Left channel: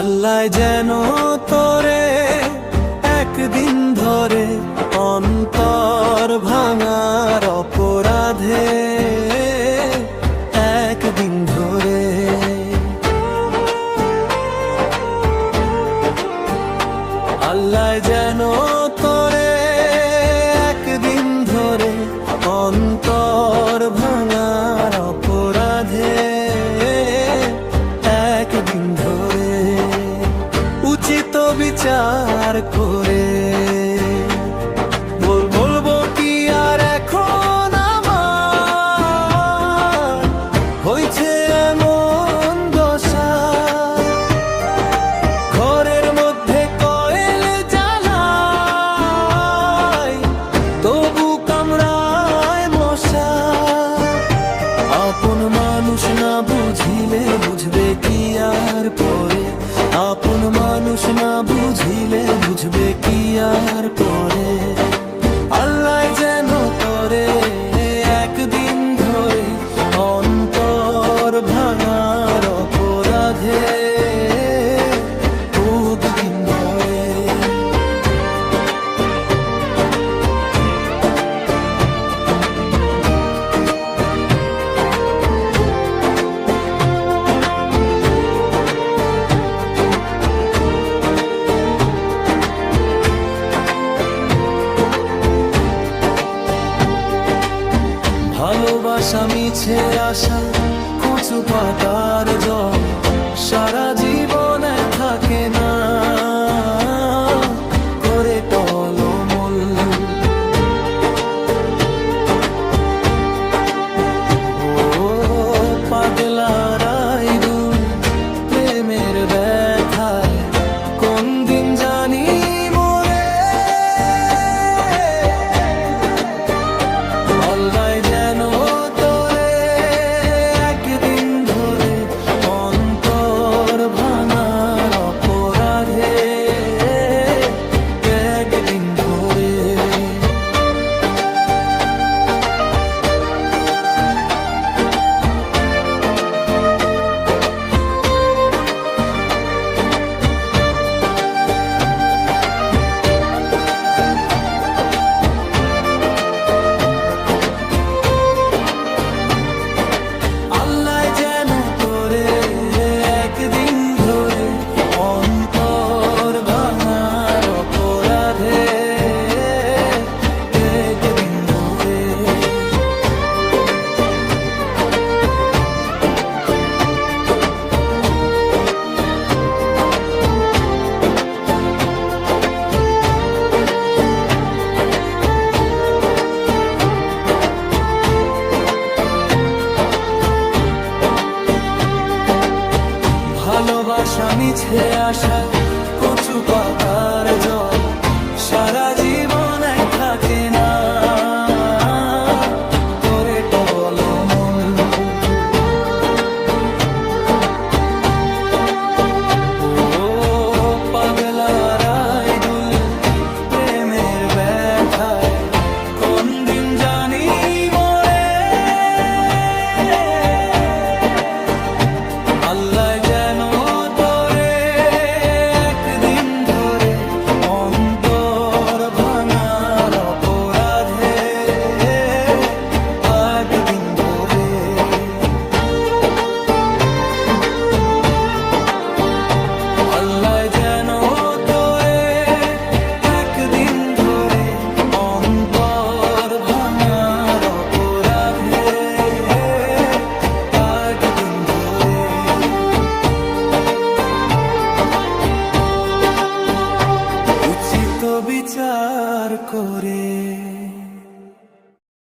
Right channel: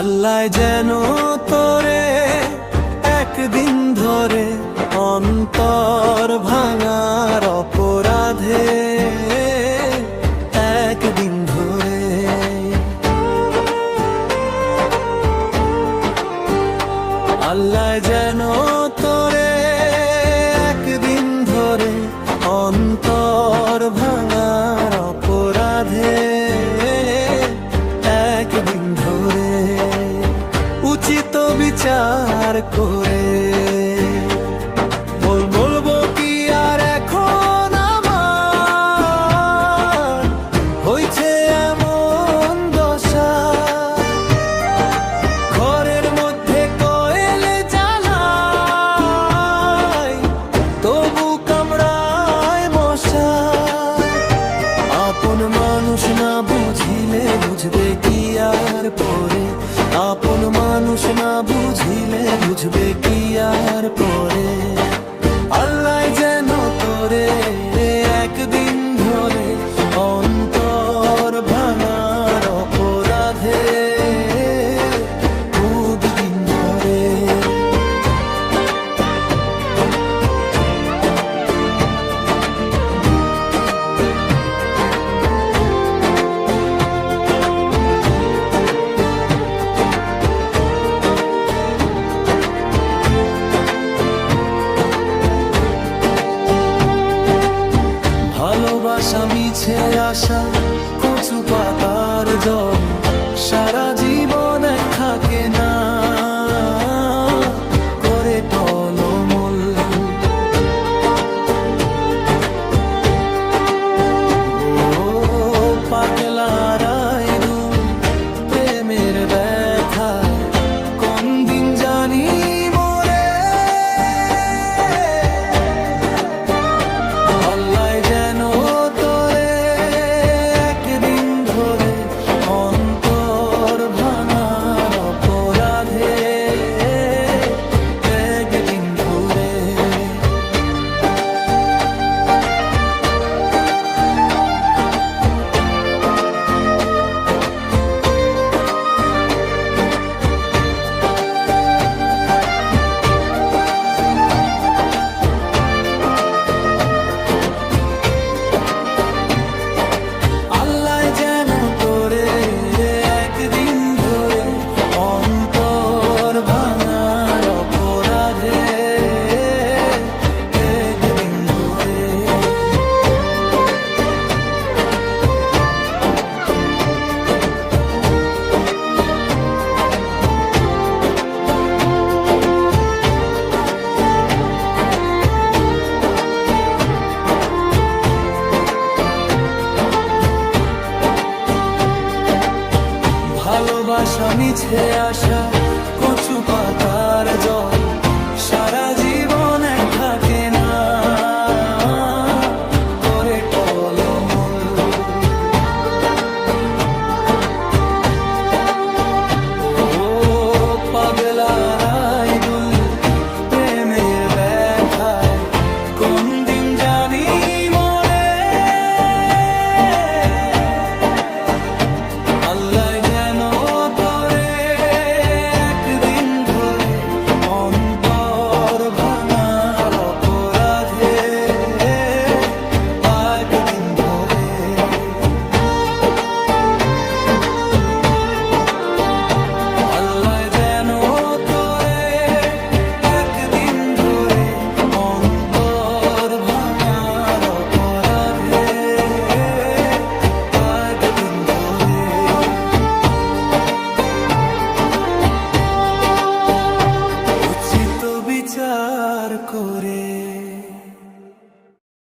আল্লাহ যেন তোরে একদিন ধরে অন্তর ভাঙার অপরাধে একদিন ধরে আল্লাহ যেন তোরে একদিন ধরে অন্তর ভাঙার অপরাধে একদিন ধরে উচিত বিচার করে বলবো কি আর এখন আমার হয়েছে এমন দশা, ঘরের মধ্যে কয়েল জ্বালাই তবু কামড়ায় মশা। আপন মানুষ না বুঝিলে বুঝবে কি আর পরে, আপন মানুষ না বুঝিলে বুঝবে কি আর পরে। আল্লাহ যেন তোরে একদিন ধরে অন্তর ভাঙার অপরাধে একদিন ধরে ভালোবাসা মিছে আশা কচু পাতার জল, সারা জীবন এক থাকে না করে টলমল। ও পাগলারাই দুল প্রেমের ব্যথায় কোন দিন জানি মরে। আল্লাহ যেন তোরে একদিন ধরে অন্তর ভাঙার অপরাধে একদিন ধরে আল্লাহ যেন তোরে একদিন ধরে অন্তর ভাঙার অপরাধে একদিন ধরে ভালোবাসা মিছে আশা কচু পাতার জল, সারা জীবন এক থাকে না করে টলমল। ও পাগলারাই দুল প্রেমের ব্যথায় কোন দিন জানি মরে। আল্লাহ যেন তোরে একদিন ধরে অন্তর ভাঙার অপরাধে একদিন ধরে আল্লাহ যেন তোরে একদিন ধরে অন্তর ভাঙার অপরাধে একদিন ধরে উচিত বিচার করে।